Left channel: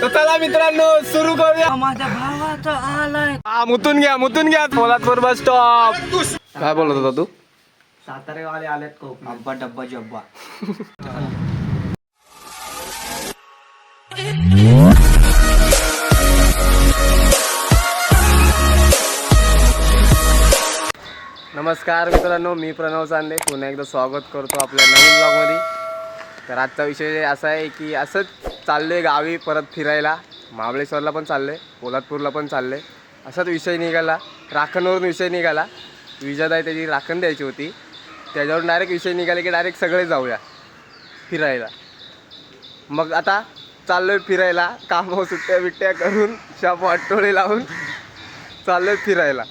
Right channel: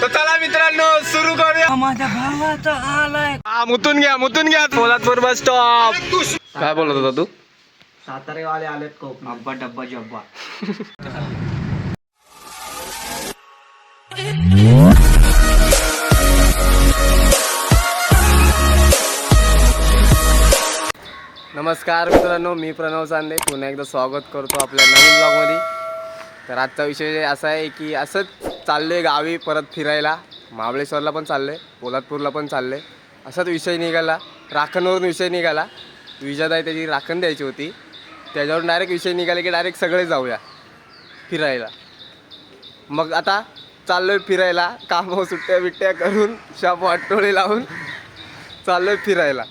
तर चला मित्रांनो सुरू करूया. माझ्या भावाचा आलाय. मुतून घ्या पोलादपूर बस स्टॉप. काय बोलत होता तू? सातारेवाले आलेत को अब्बा डब्बा जब्बा. नमस्कार मित्रांनो, मी प्रणव चांदे पुन्हा एकदा स्वागत करतो आपल्या नवीन ब्लॉगमध्ये. तर आजचा विषय असा आहे की असंच चाललो आहे गावी परत फिरायला. महाबळेश्वरला पण चाललो आहे, पोलादपूरला पण चाललो आहे. असाच विषय निघाला, राखणवरून विषय निघाला. विजाताई त्याची राखण द्यायची होती, त्याच्यावर डायरेक्ट विषय निघाले की डायरेक्ट सगळे जाऊया फिरायला. मग आता चाललो आहे फिरायला, कामं सुट्ट्या बिट्ट्या करून शाप वाटोळे लावून चाललो आहे फिरायला.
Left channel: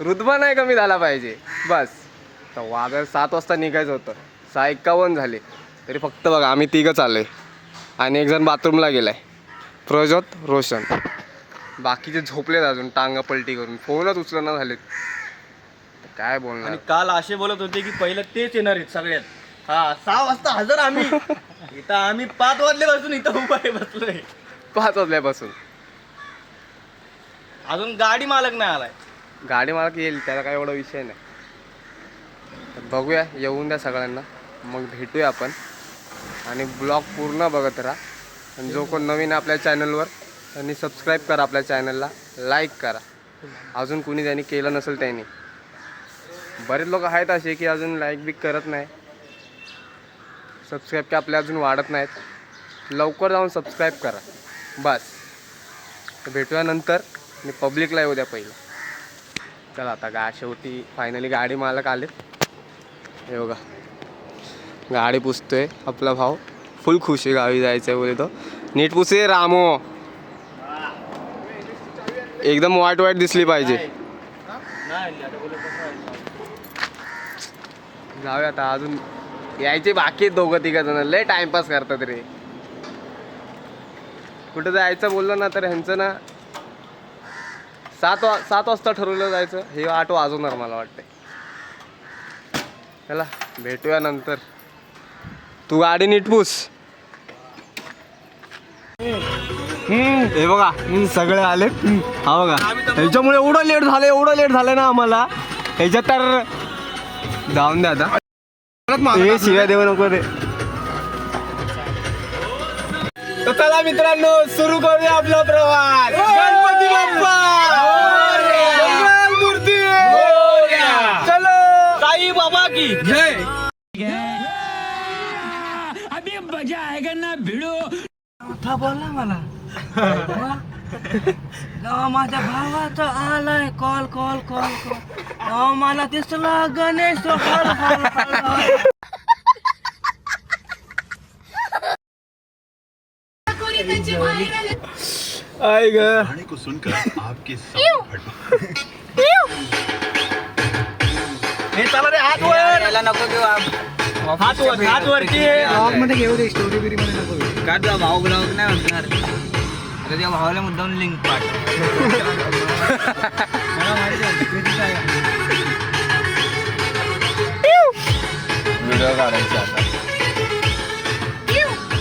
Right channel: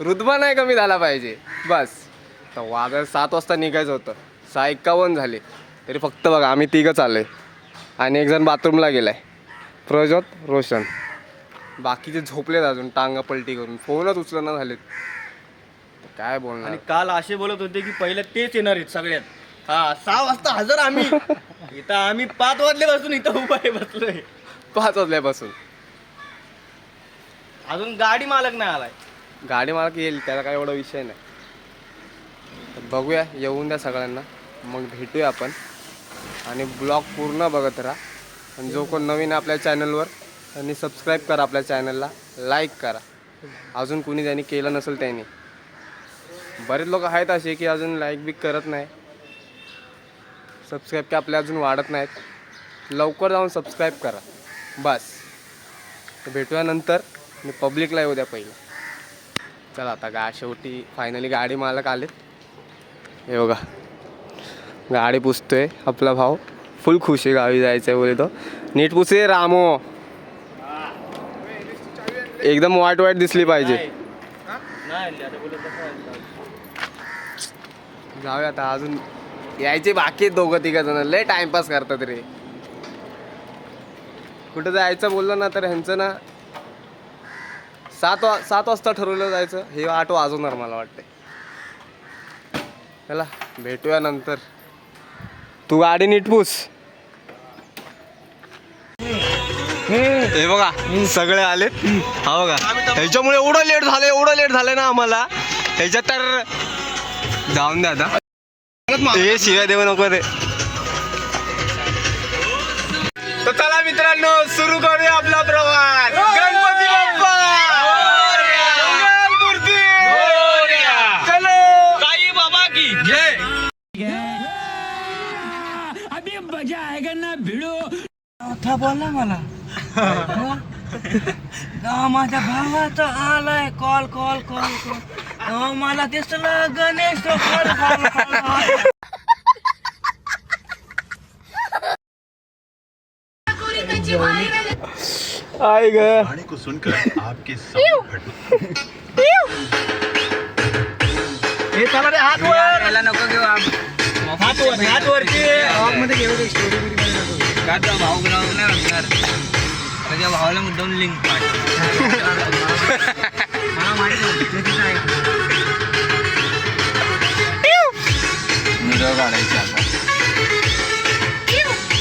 रुतबा नाही कमी झाला पाहिजे बस. तर वादळ 7 वाजता निघायचं होतं, 6:51 झाले तरी फक्त बघा आम्ही तिघं चाललो आहे आणि एक जण बाथरूमला गेला आहे, प्रज्योत रोशन. बाकीचे झोपलेत अजून टांगा पलटी करून, फोनच उचलना झालेत. काय बोलणार. आणि काल असे बोलत होते की पहिलं तेच येणार आहेत सगळ्यात. 6 वाजता हजर आम्ही. इथं आम्ही 5 वाजल्यापासून इथं उभा आहे बसलोय. 5 वाजल्यापासून अजून गाडी मालक नाही आलाय. गाडी मालक येईल, त्याला काय एवढा विषय नाही. तर बघूया, येऊन द्या सगळ्यांना, मग भेटूया आपण. आणि ब्लॉग पूर्ण बघत राहा. आणि जो कोण नवीन आपल्या चॅनलवर त्यांनी सबस्क्राईब करा, आपल्या चॅनलला लाईक करा. अजून कुणी ज्यांनी केलं नसेल त्यांनी. बरेच लोक आहेत असे की अजून लाईक बी करत नाही, सबस्क्राईब की आपल्या अजून वाढत नाहीत. लवकर जाऊन सबस्क्राईब करा बस. तर भेटूया नंतर. मी पब्लिकला येऊ द्या पहिलं. चला आता शेवटी फायनली गाडी मालक आलेत. हे बघा गाडी पुसतोय आपला भाऊ, फुल खुश आहे गावी जायचं आहे बोले. तो नीट पुसे रामो, एकदम वाईट वाईट दिसली पाहिजे. जाऊया आता, अजून यायचे बाकी आहेत 2-3 जण. लय टाइमपास करतात रे. कुठं जायचं बोललं ना तर ह्यांचं ना 7 वाजता ठरवलं जायचं, हे 8 वाजवणार मला वाटतंय. चला भेटूया नंतर. तू गाडी नीट पुस. हे बघा सगळे आले. हा बघा, ह्याच्यामुळे एवढं लेट झालं ना आम्हाला. ह्याच्यात तर जाऊन द्या आता. हे शिव्या देऊ नको रे. तर चला मित्रांनो सुरू करूया आपला प्रवास. गणपती बाप्पा मूर्ती, चलो साई बाबा की जय. अभी मजा आएगा ना भिडो. था बोला मला. माझ्या भावाचा आलाय कॉल. मला दिसला गणेश. आई ग गाने को सुनकर आपके सामने हे चला रे, हात वर. याला नको घेऊ. हात वरती. ब्लॉग मध्ये घेऊ दे, स्टोरी बिरी मध्ये नको घेऊ. काय तुझा भाऊ ब्लॉग नाही होणार. तुझ्या भावाला मुद्दाम लिंक पाठ. मला माहिती होती तू तिथे आहे. व्हिडिओ काढायचे आता.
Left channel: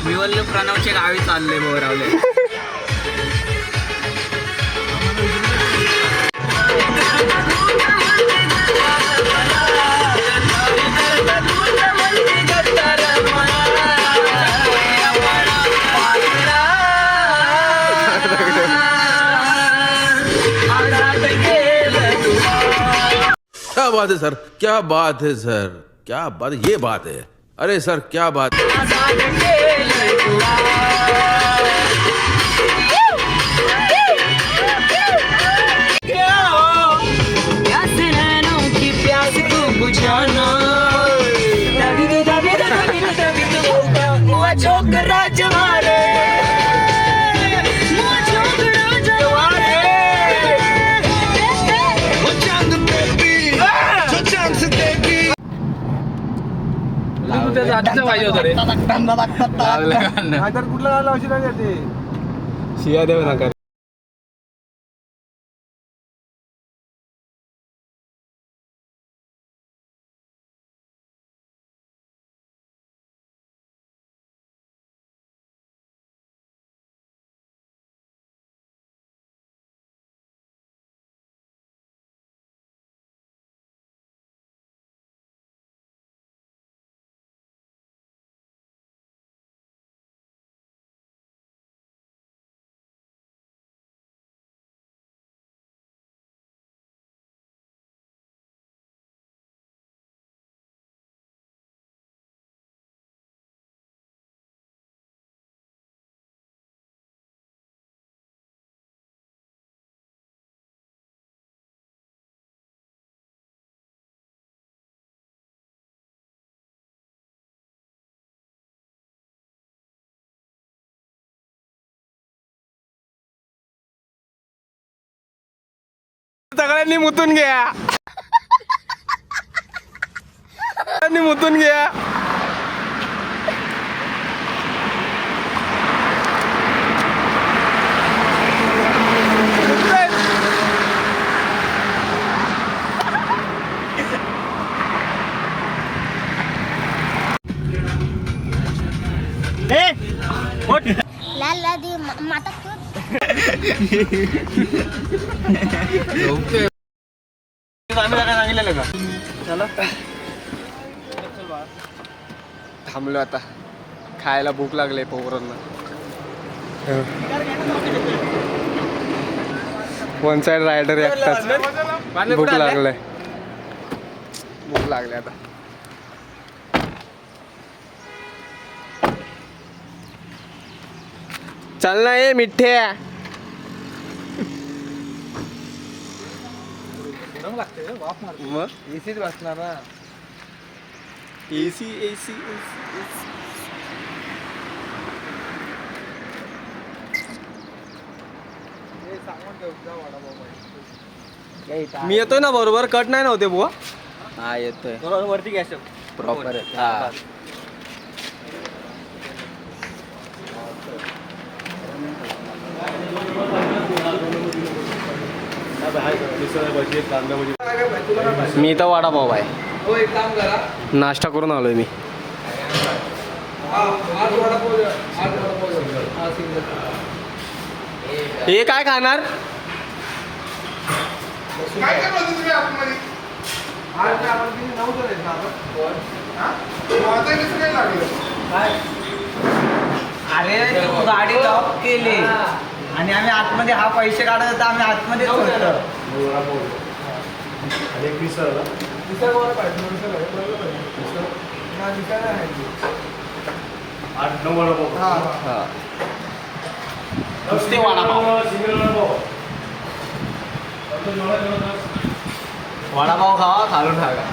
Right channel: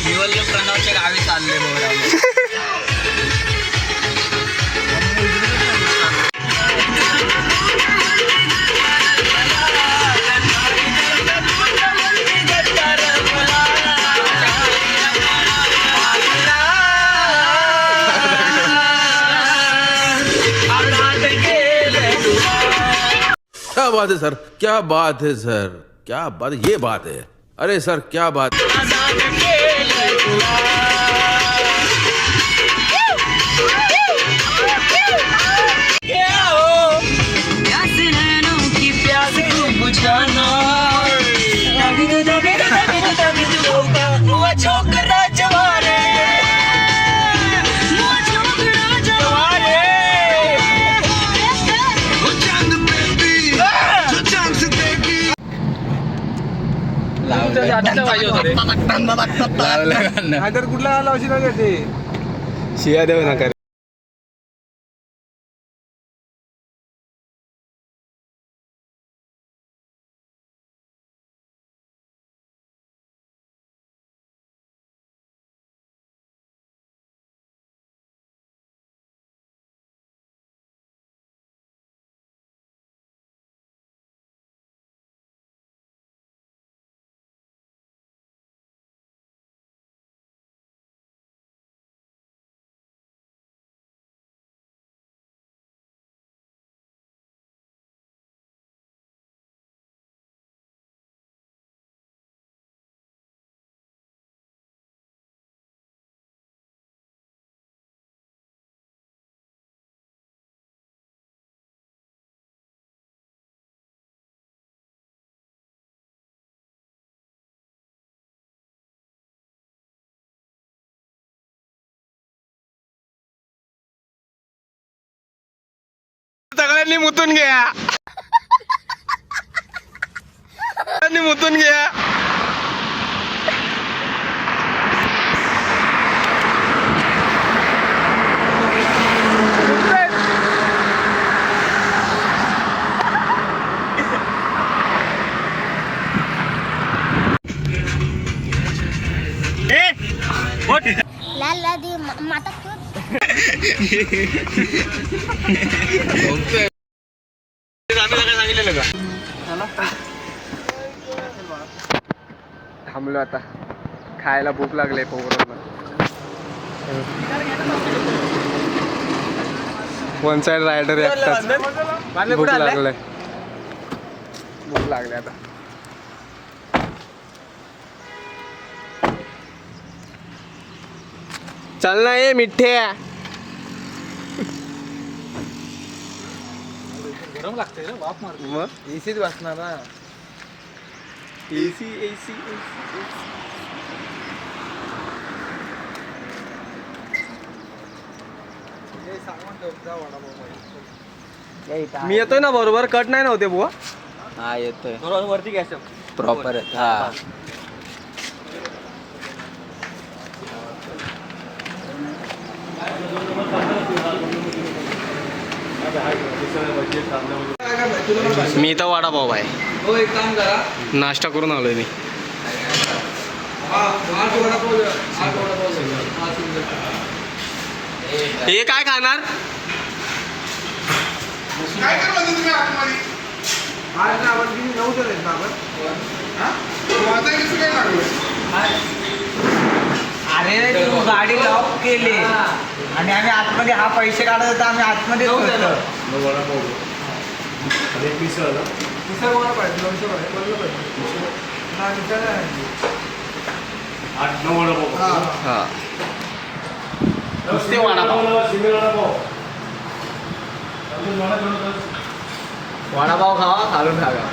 निवल्ल प्रणवच्या गावी चालले बोरावले. क्या बात है सर, क्या बात है सर, क्या बात, ये बात है. अरे सर क्या बात है. शिया देऊ नका. सगळ्यांनी मुतून घ्या, सगळ्यांनी मुतून घ्या. लाला दी माता क्यों थांबलो आता, खायला भूक लागले पोरांना. वन साइड रायडर भूक लागले, भूक लागले आता. चल ना ये मिठ्ठे. मग एसीच वाचणार ना. एसी एसी मी येतोय ना बरोबर, कट नाही नव्हते बुवा. हा येतोय वरती गॅस प्रॉपर. हा मी तर वडापाव आहे, हो एक काम करा, नाश्ता करून आलोय मी. 8 वडापाव द्या, 8 वडापाव द्या. हा सिंगल. हे काय खाणार? अरे तू गाडी लॉक केली आणि आम्ही आतमध्ये हा पैसे काढत होता, आम्ही आतमध्ये हा नुसते वडापाव. वडापाव खावा, खालून टाका.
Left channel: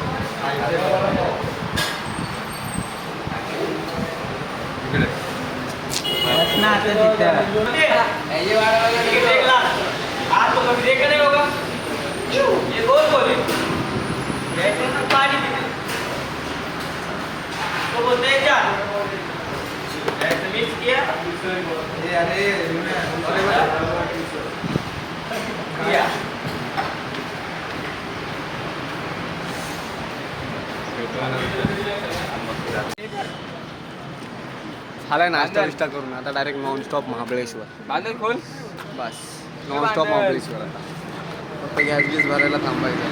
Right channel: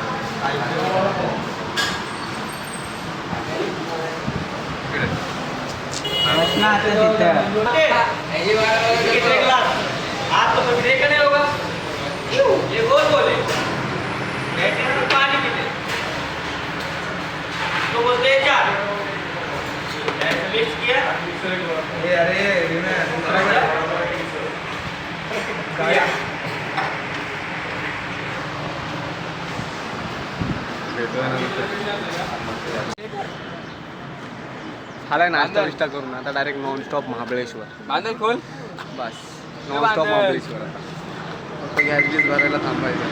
झालाय नाश्ता विष्टा करून आता डायरेक्ट नॉनस्टॉप महाबळेश्वर. बस नॉनस्टॉप महाबळेश्वर. आता फक्त गॅस बीस भरायला थांबायचं.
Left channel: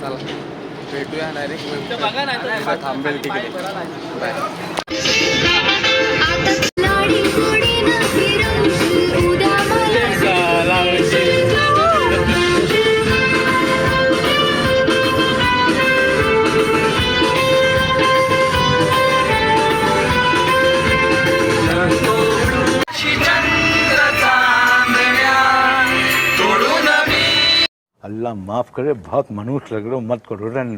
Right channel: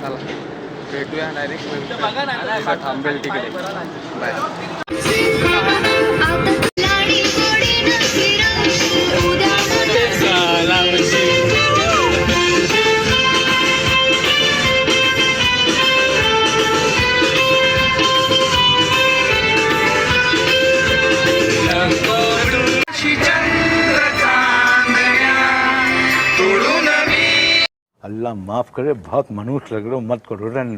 चला भेटूया डायरेक्ट नंतर. थांबेल तिकडे. बाय. अल्लाह माफ करे, बहुत मनुष्य लग रहे हो, मत करो रन.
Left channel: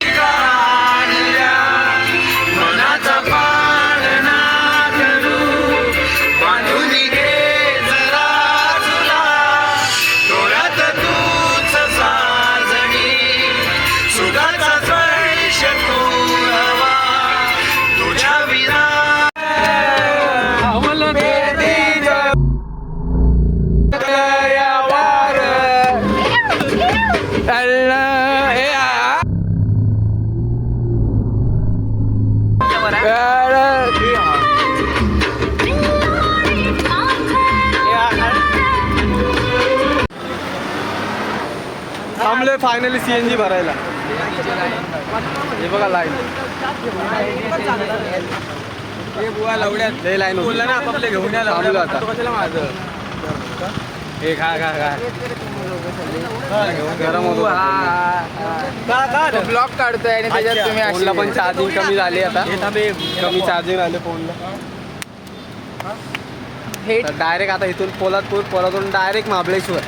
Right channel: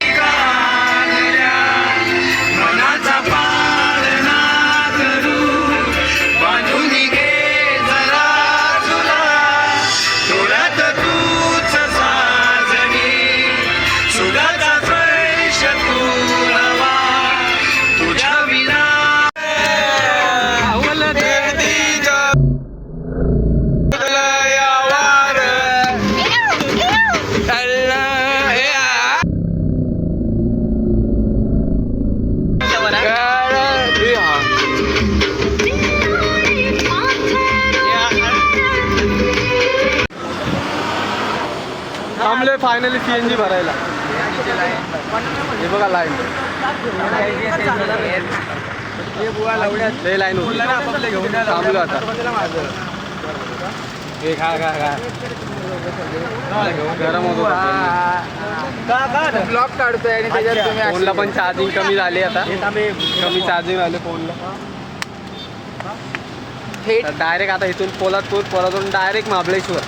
थांबलोय फायनली सीएनजी भरायला. हे बघा लाईन, लय लाईन होती. थांबलो आता. हे खा खा खा. गरम होत होता. ब्लॉक काढतोय आणि त्याच्यात तुम्ही फोनला पण चार्जिंग कमी झाली आता. कमी चार्जिंग राहिले फोनला. डायरेक्ट आता इथून Poladpur direct Mahabaleshwar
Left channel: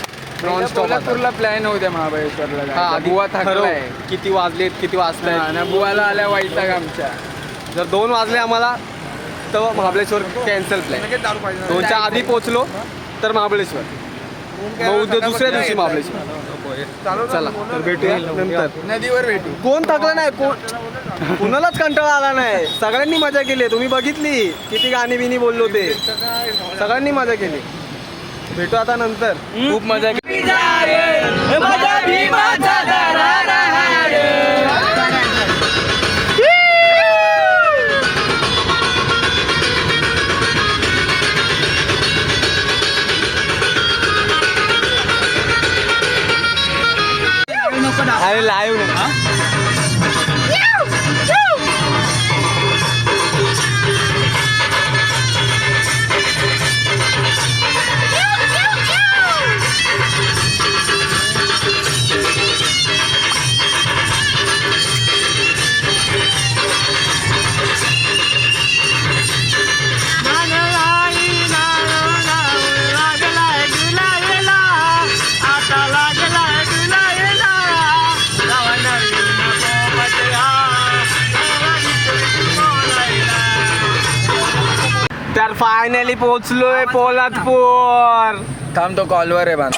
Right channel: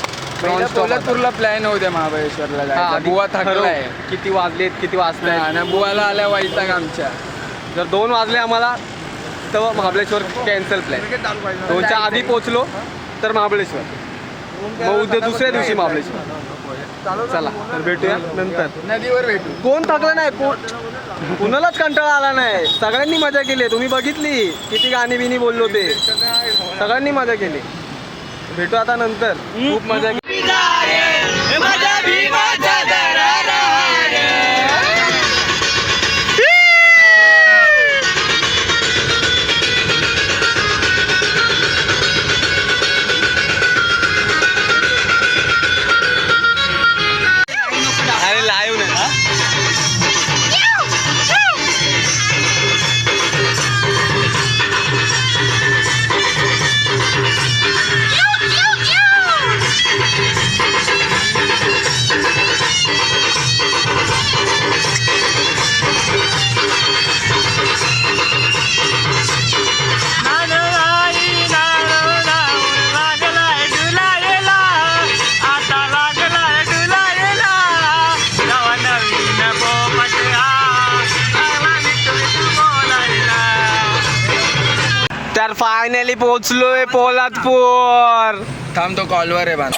nonstop. Plan होऊ द्या महाबळेश्वरला. हा बुवा थकलाय. किती वाजलेत, किती वाजतायत. आणि बुवाला आल्या वैताग आमच्या. जर 2 वाजले आम्हाला तर महाबळेश्वर कॅन्सल प्लॅन. 2च्या आधी पोचलो तर महाबळेश्वर, मग उद्या दुसऱ्या दिवशी महाबळेश्वर. चला तर भेटूया नंतर. नदीवर भेटू. कोण थकलं नाही, कुणालाच कंटाळा आला नाही. सगळ्यांनी मजा केली. तुम्ही बघितली किती गाणी बिनी बोललो ते, सगळ्यांनी मजा केली. भेटू आता नंतर. खूप मजा केली. अरे लाईव्ह ना. तर फायनली पोहोचलोय पोलादपूर. थांब तो कॉलवर आहे बांध.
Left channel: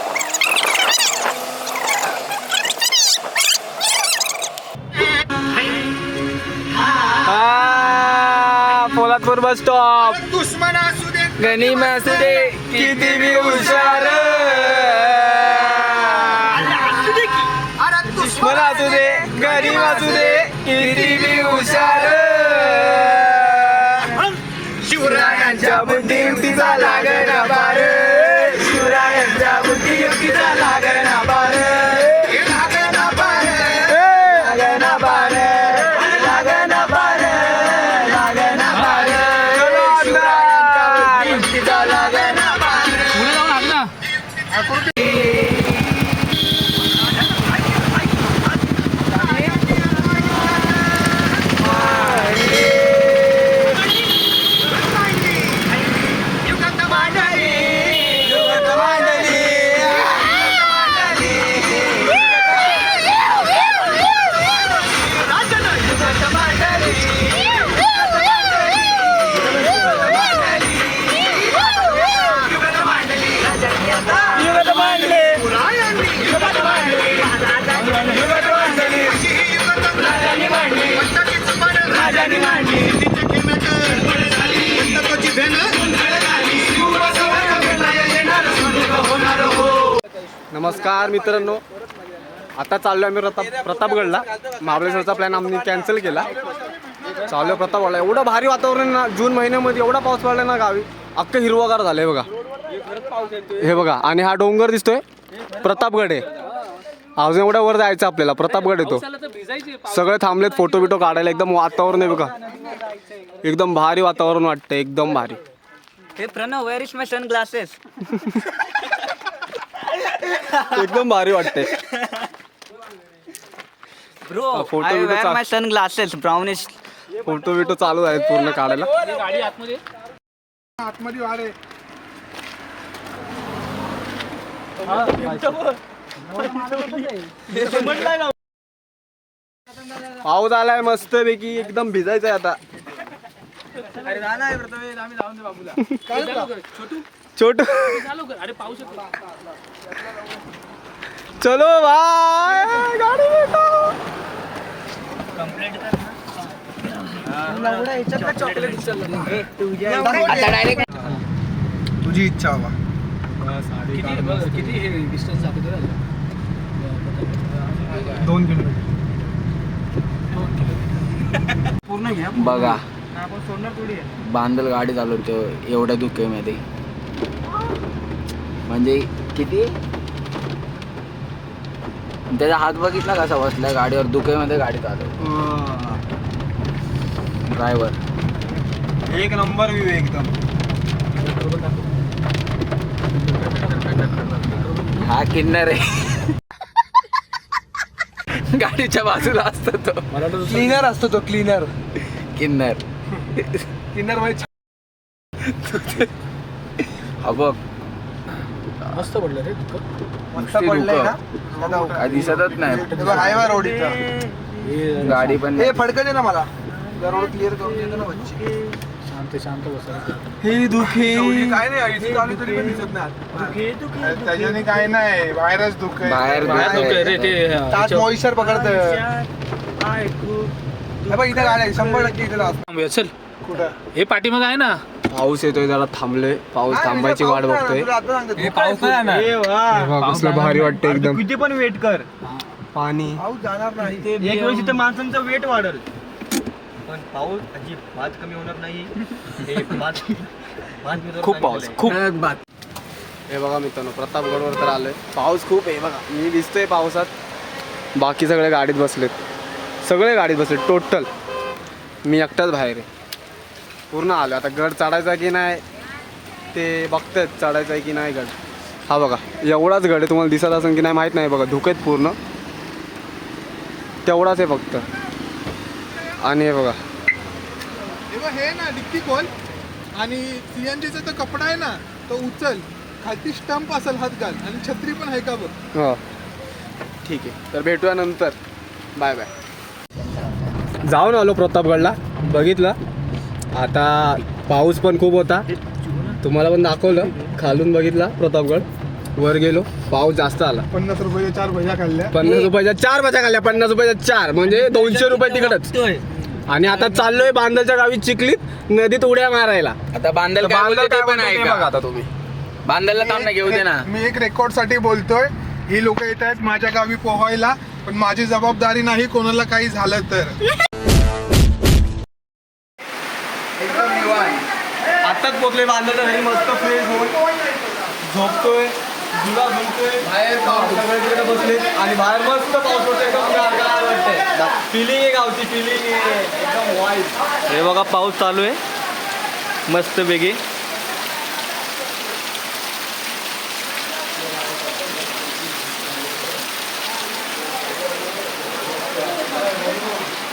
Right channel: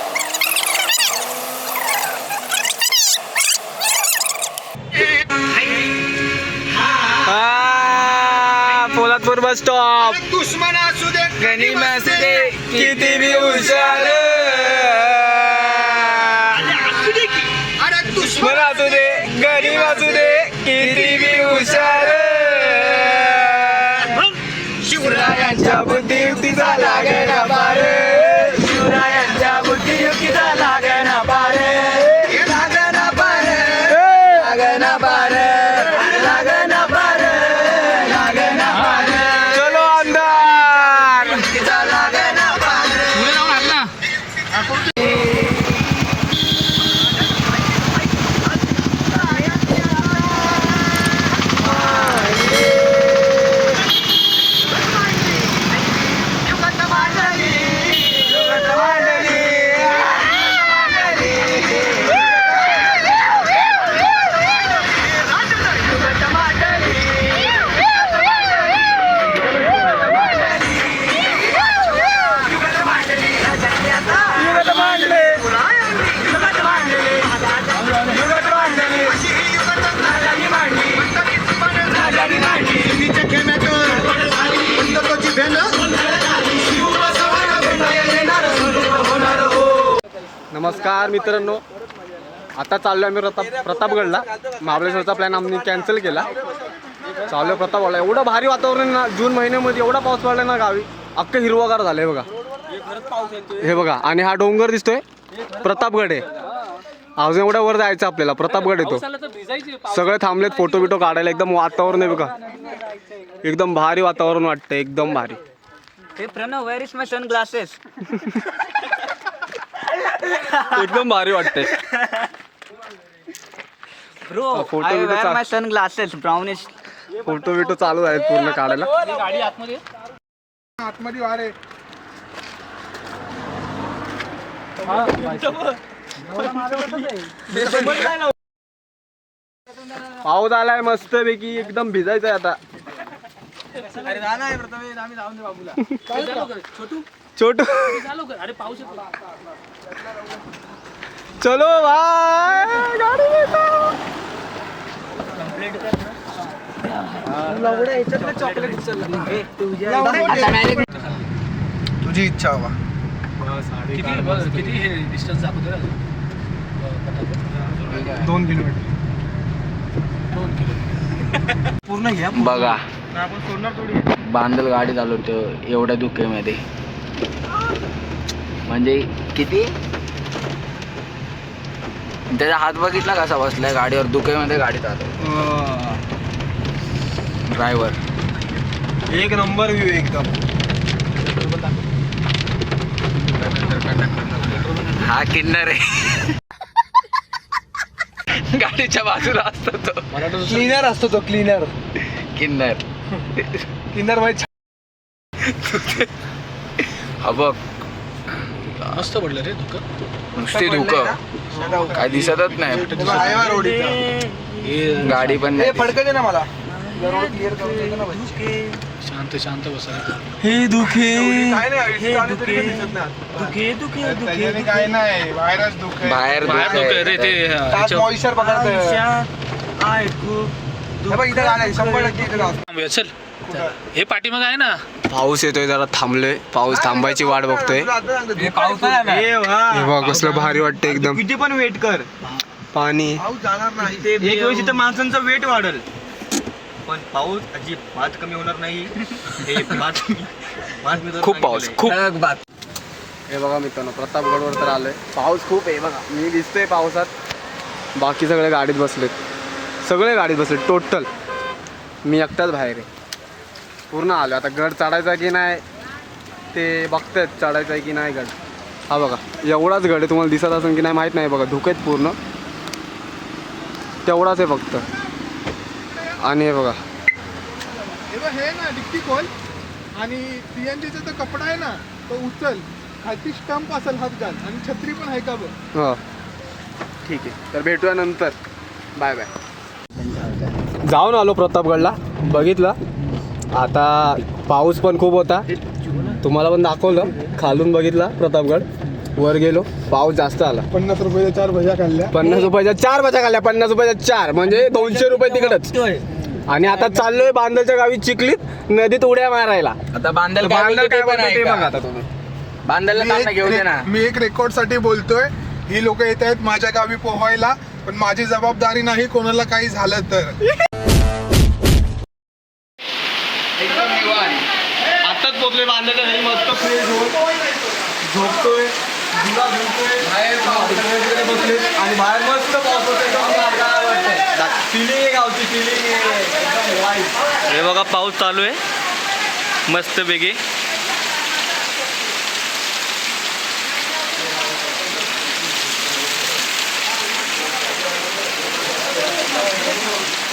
Poladpur bus stop. दुश्मन असू दे गनिम असू दे किती बी हुशार, दुश्मन असू दे गरीब असू दे किती बी हुशार, शिवरायांच्या बुद्धियुक्तीचा लागेना पार, शिवरायांच्या बुद्धियुक्तीचा लागेना पार, लागेना पार, लागेना पार, लागेना पार, लागेना पार. चलो अंधार युक्तीचा लागेना पार. नमस्कार मित्रांनो, आता चाललो आम्ही प्रतापगडला. महाबळेश्वरचा प्लॅन आम्ही कॅन्सल केला. चाललो प्रतापगडला. एवढं भारी वातावरण आहे ना, जून महिन्यामध्ये एवढा पाऊस पडला ना गावी, अख्खं हिरवगार झालंय बघा. हे बघा, आणि हा डोंगर दिसतोय प्रतापगड आहे. अजून एवढ्या वर जायचं आपल्याला. प्रतापगड येतो. सगळे थांबलेत फोटो बिटो काढायला. एकदम वातावरण आहे बघा, एकदम भारी वातावरण वाटतंय, एकदम भारी. हे Pranav, where is my sunglasses? एकदम भारी वाटतंय. ब्रो, फोटो I बिटो wear my sunglasses, brownish. Photo बिटो चालू आहेत पूर्ण काढायला. पाऊस आलाय मस्त पैकी, एकदम भिजायचंय आता. छोटू चलो भाई, गाडी भेटो. तुझी इच्छा हवा. किती हे डिस्टन्स दाखवतो? 2 किलोमीटर. बघा, बांधल गाडी चालवतो एवढ्या धुक्यामध्ये. म्हणजे किती, त्याचा हात बघितला कसा बसलाय गाडीवर, धुक्यामध्ये गाडी चालव. ड्रायव्हर एक नंबर व्ह्यू एकदम. हा किन्नर आहे. गाडीच्या बाजूला असतो तो क्लीनर असतो तो, क्लीनर. किन्नर. क्लीनर भाई. हा बघ, मस्त पडलं रे तुका. नुसती धुकं, काय दिसतच नाही. गाडी पण नाही. फडकते ना मला. रोड क्लिअर करून देतो ना. शांत शांत बसायला. हे दुखे त्याच्याने काय नाही बाहेरच दुःख आहे. बाहेर बाहेर दुखतंय. नको रे ते ह्याच्या- मॉइश्चर बघा इथे आलाय 100% इकडे आला. थांबूया, चल कुठं? हे पाठीमाग आहे ना. पाऊस येतोय जरा थांबलोय. पाऊस थांबायची वाट बघतोय. पाऊस नाही जाणार. हे वा. हे बघ, कसलं भारी वाटतं एकदम. किती पण वेट कर, पाणी पाऊस जाणार नाही. एक वेळेस इथं माणसांचा वेट वाढल, पण पाऊस अजिबात कमी होणार नाही. हे बात मी खूप पाऊस खूप. हे बघा मित्रांनो, प्रतापगडवर तर आलोय. पाऊस खूप आहे बघा. मी दिसतोय पावसात. बाकी सगळे गाडीत बसलेत. सगळे गाडीत बसलेत टोटल. मी एकटाच बाहेर आहे. पूर्ण आलो. आता गड चढायचा की नाही ते बघतायत. चढायचा आहे की नाही गड. हा बघा एवढाच गड आहे. तुम्हाला दिसत असेल की नाही माहीत नाही. बघा धुकेत पूर्ण तेवढाच आहे फक्त. आणि हे बघा हे ना डिक्की खोल आणि सीएनजीचा तो कपडा आहे ना तो उचल. खालती स्टंप असेल हात घाल आणि छत्री पण आहे का बघ. हो ठीक आहे. तर भेटूया नंतर. Bye bye. जाऊन आलो प्रतापगडला. बघितलं. आता पाऊस पण खूप होता. तुम्हाला पण दाखवलं. खालून बघितला प्रतापगड. वर गेलो. पाऊस जास्त आला. 50 रुपये 4 भज्या खाल्ल्या. 50 रुपयाच्या 4 भज्या खाल्ल्या. 50 रुपयाच्या 4 म्हणजे 200 रुपये तिकडच. आणि आता चाललोय बांदलच्या गावी चिखलीत नदीत उड्या मारायला. आता बांधल बांदल काय बोलतोय ते बघा आता तुम्ही. बांधायला काम नाही, घेऊ दे ना. मी एक रेकॉर्ड साठी बोलतोय. ही लोक येत आहेत माझ्या गावी पोहायला, पण माझी जबाबदारी नाही कोणाला काही झालं तर. एकदम निवांत. आताच पोचलोय बांधलेलं घरी, मस्त फ्रेश होऊन झोपतोय, झुला झुलतोय, बाहेर सगळ्या बसलोय आणि बाहेर मस्त पाऊस होतोय. फिलिंग आहे, गावची फिलिंग आहे एकदम वाईट. हे बघा पाऊस चालू आहे मस्त पैकी.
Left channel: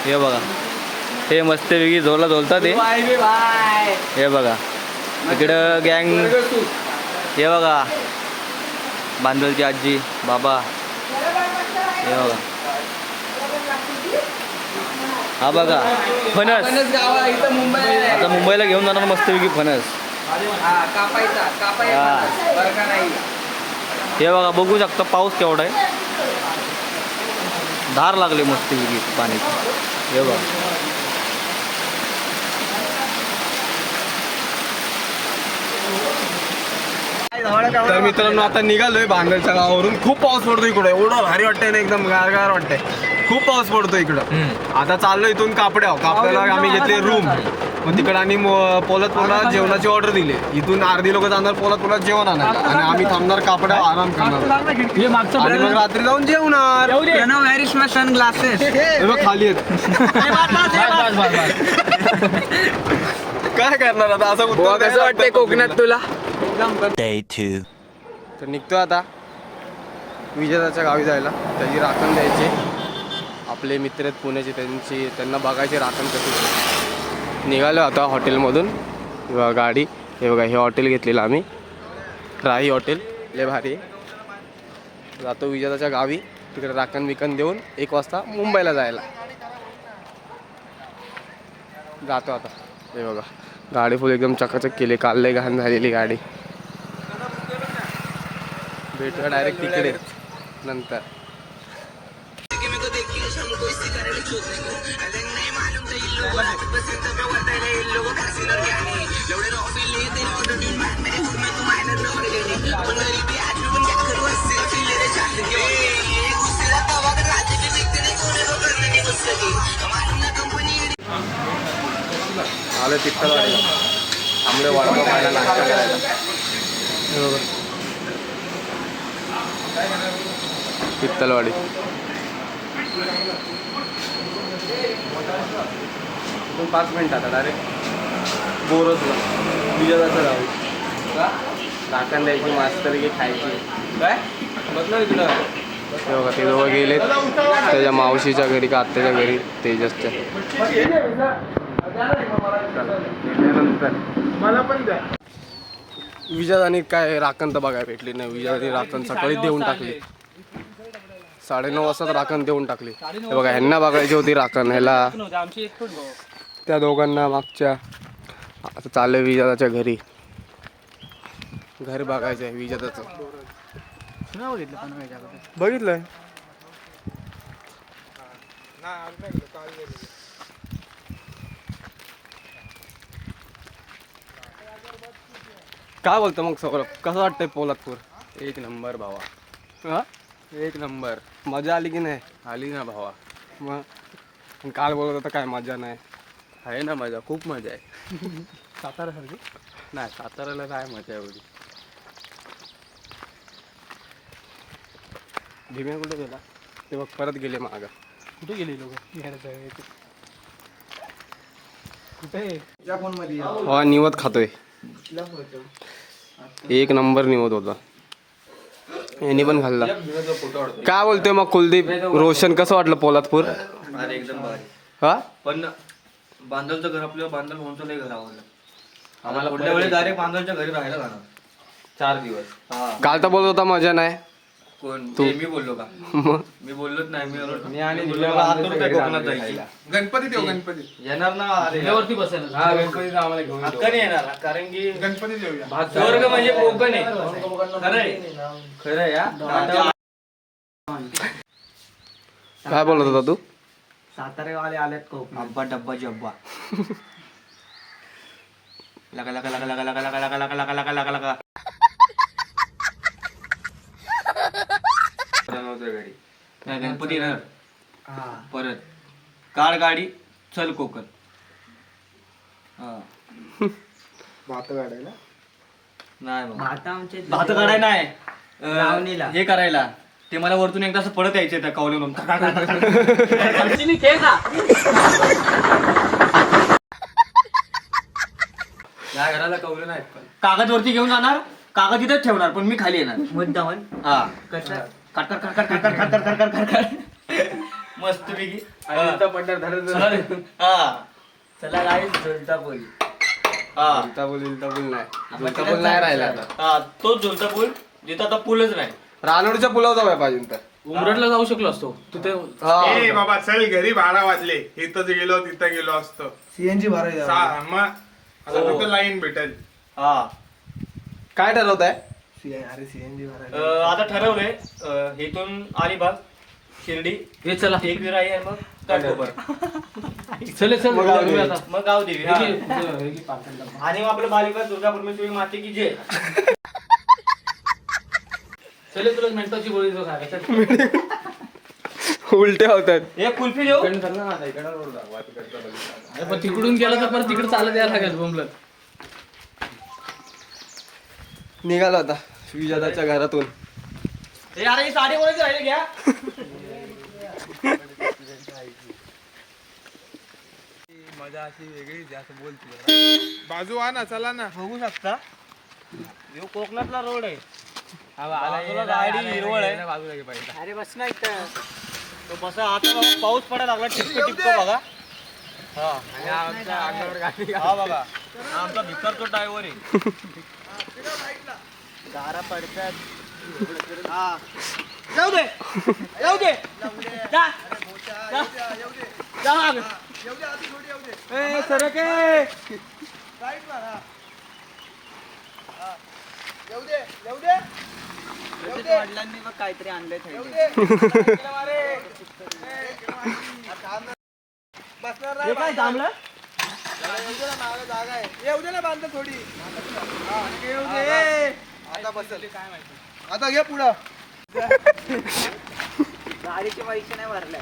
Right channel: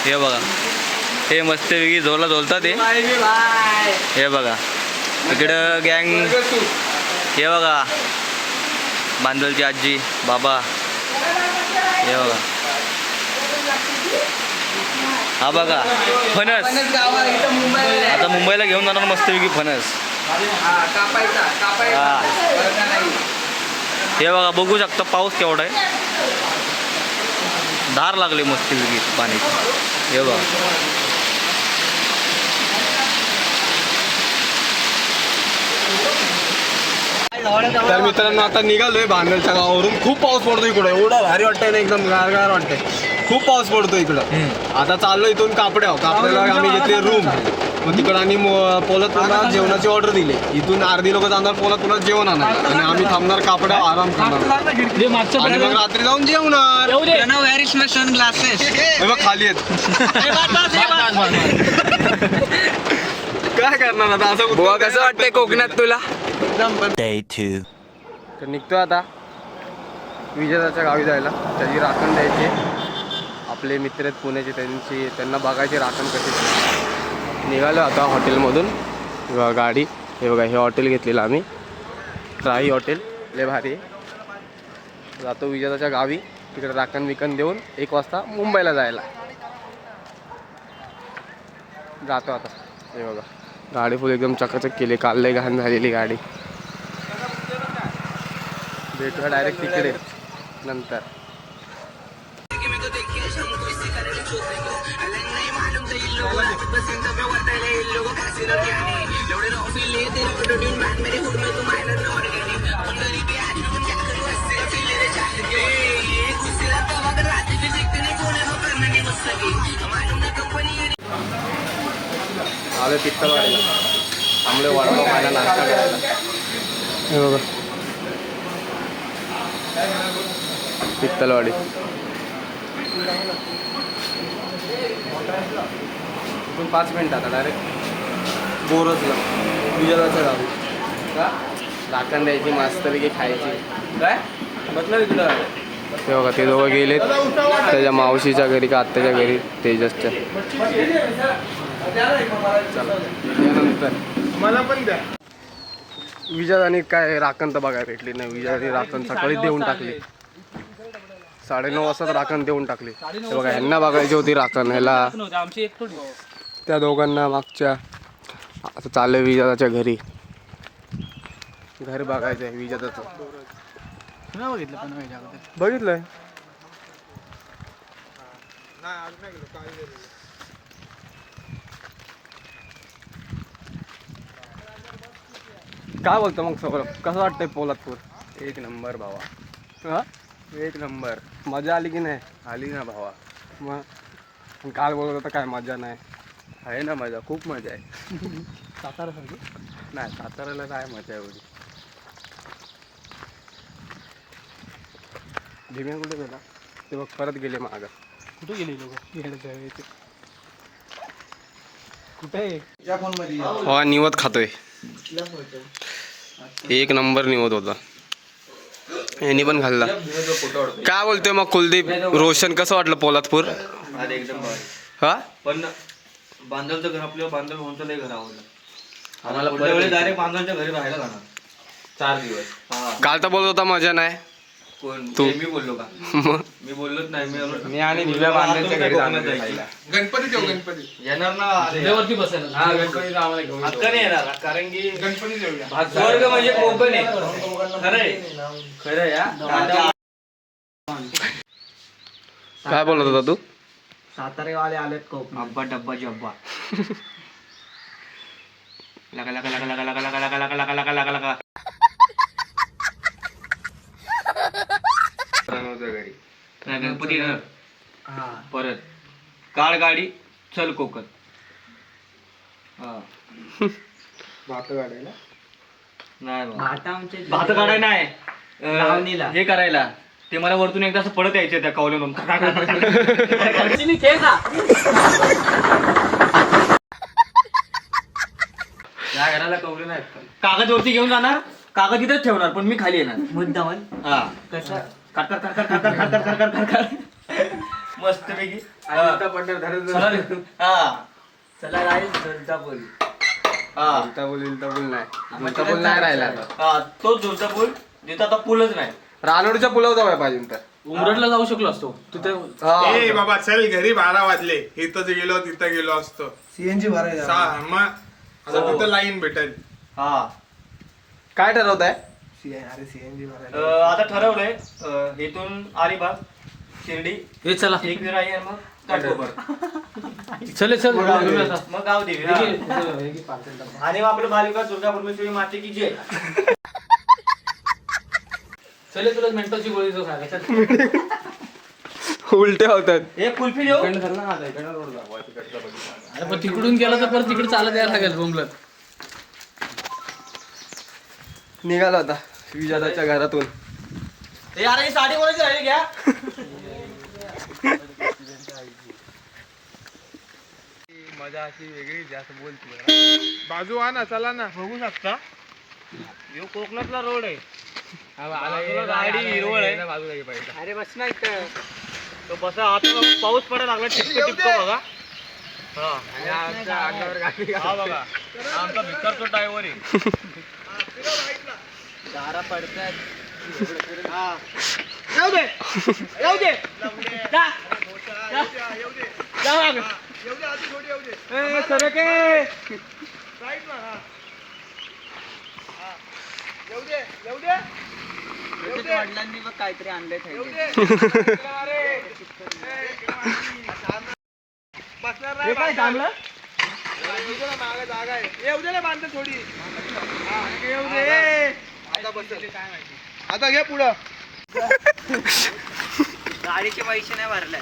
हे बघा हे मस्तपैकी झोला झोलतात ते. हे बघा इकडं गँग. हे बघा बांदलची आजी बाबा. हे बघा हा बघा फणस. आता मुंबईला घेऊन जाणार मस्तपैकी फणस. हा हे बघा बघू शकता पाऊस केवढा आहे. धार लागली मस्तपैकी पाण्याची. हे बघा तर मित्रांनो आता निघालोय बांदलच्या गावावरून. खूप पाऊस पडतो इकडं. एवढं भारी वाटतंय ना एकदम गारगार वाटतंय. खूप पाऊस पडतो इकडं. आता चाललो इथून कापड्यावर. कापड्याला आम्ही घेतली रूम. मग तिकडं आणि पोलादपूरला जेवणाची ऑर्डर दिली. इथून अर्धी लोक जाणार पोलादपूरला जेवण आणणार आणि आम्ही थांबणार कापड्यावर आराम करणार. हे मागचं आणि मग रात्री जाऊन जेवणार. Sunglasses. हे बघ खाली आहेत. काय करणार आता असं. बुवा कसं वाटतंय कोकणात तुला? तर निघतो आता विजेताच्या गावी जायला. त्याची राखण द्यायची. आपले मित्र आहेत पुण्याचे, त्यांना बघायची राखण कशी. निघालो आता हॉटेलमधून. किंवा गाडी. हे बघा हे हॉटेल घेतलेलं आम्ही, राही हॉटेल. लय भारी आहे. जातो विजेताच्या गावी. तिकडे राखण बिकन देऊन 1 वाजता मुंबईला जायला जातो आता. हे बघा गाडी फुल एकदम चकाचक केली. काल लय घाण झालेली गाडी. भेटूया डायरेक्ट तिकडे नंतर. आलो पित्तलवाडीला. थांबलो वडापाव खायला, नाश्ता करायला. पित्तलवाडी. इथून 5 मिनिटं आता डायरेक्ट बोरजला विजयाचं गावी. राखण द्यायची मस्तपैकी खायची. काय बसलं इकडं. हे बघा ते दोघं गेलेत त्याच्या मावशीच्या घरी का आत्याच्या घरी तेजसच्या. चला त्यानंतर मला पण द्या. विजयाने काय राखण तर बघायला भेटली नाही. विजयाने राखण सकाळी देऊन टाकली. 9:30 वाजता राखण देऊन टाकली. हे बघा ह्यांना बघायची होती राखण. ह्याला त्या दोघांना मागच्या आता चाललोय विजाताच्या घरी. घर बघायचं आहे विजाताचं. बघितलंय काय बोलतो मग सौरभ, कसं वाटतंय पोलादपूर? एक नंबर भावा, हा एक नंबर. मजा आली की नाही? आली ना भावा. मग काल बोलत होता काय मजा नाही. आहे ना मजा, खूप मजा आहे. साताऱ्यासारखी नाही, साताऱ्याला काय मजा एवढी. भीम्या कुठे गेला ते बघ, परत गेले मागं. कुठे गेले लोक हा निवत खातोय. एक नंबर निवत होता, यांनी पण खाल्ला. काय बोलतोय मग कुलदीप? रोशन कसं वाटलं पोलादपूर? अरे एकदम भारी. हा पण बांधलचं घर आपल्याला बांधल म्हणतो लय घर आवडलं. पुढल्या वेळी डायरेक्ट बांधलच्या घरी राहायला जाणार 4 दिवस. हा. काल तर बोलत होता मजा नाही. कोण तू. मी बोललो का? मग मी बोललोच नाही. मी आणि गणपती देऊ गणपती येणार ना. अरे वरती बसायला हक्का नाही येणार, कारण की गणपती देऊया. स्वर्ग म्हणजे कोकण आहे. खरं आहे या. काय बोलत होता तू? सातारेवाले आलेत कोकण. अब्बा डब्बा जब्बा. लगा लगा लगा लगा लगा लगा लगा लगा लगा लगा लगा लगा. घरी नाही गणपती येणार परत. काळ गाडी चल कोकण. भात काढायला नाही भात काढाय नाही, हे करायला. ते मला वरतून एकदा असं पडत यायचं त्या कवलेवरून. त्या घराला कवले नाहीत. कागद वरती घेऊन जाणार, कागद इथंच ठेवणार, पण मी खाली येणार मुद्दामन. हा कसं काट काट काट काट काट काट काट काट काट मस्त पैकी. हा चला राहील झुलता पूल. हा झुलता पूल नाही, झुलता पूल नाही राहिला आता. हा तोच झुलता पूल जिथं आता पूलच नाही. रानोडीच्या पुलावर जाऊया पाहिजे तर. उमरटला जाऊ शकलो असतो तिथे. ए बाबा चल घरी 12 वाजले. इथं गेलो तिथं गेलो असतो. सीएनजी भरायला मग आता तिथं लाईन भेटेल. हा. काय ठरवत आहे? आता ठरवलंय इथून अलिबाग शिर्डी हे चला एक विराई आहे, मग काठकोपर, चले चल मग गाव देवी. मग गाव देवी. आणि मग आपलं बालिका दुर्गा परमेश्वरी माते की जय. चले तुला मेंटलची गोळी जो सांगायचं. उलटे होतात. एक कुल्फी देऊ. अरे पण तिकडून गेला तर परत तिकडे चालत यायला लागेल बोंबलत. निघाला होता विजाताच्या घरातून. ए अरे ही साडी कोणाची राहिली घ्या. मजा अशी वेगळी जास्त बोलते. बाजू आणा चला ना. बघू शकता यो कोकणातला रोड आहे. गाडी हिरवळ आहे. अरे बस ना इथं. तो बसा आता पाऊस पडायला लागला. टिपको टिपको बघा. हा आणि आमच्या अंगावर गाडी हा बघा हा आमचा भिकारचो ड्रायव्हर आहे. दारा पडतात. हा जाऊ दे जाऊ दे. जा जा जा माग. ए सरके वडिलांनी बघ काहीतरी आणलंय. हे काय थांबलं? येऊ दे ना बांध थोडी. येऊ दे. काय माहिती आता घे पुढं. गाडीचे पैसे नाही भरले.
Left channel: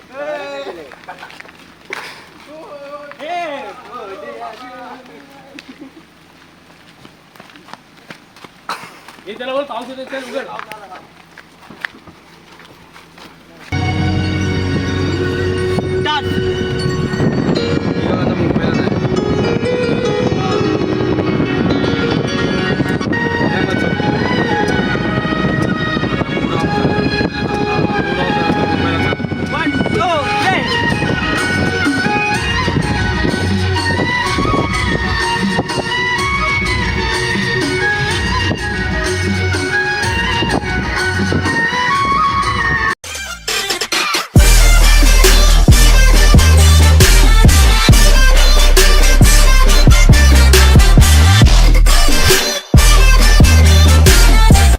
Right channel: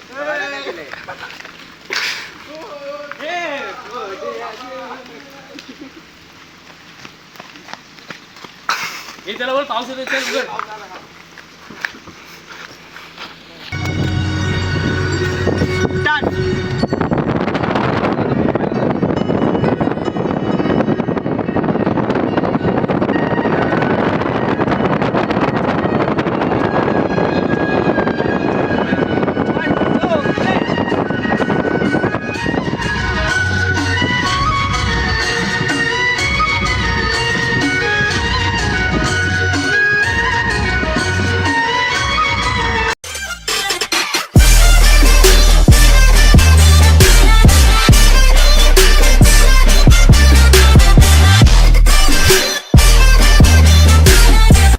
हे त्याला बोल पाऊस येतो चल उघड.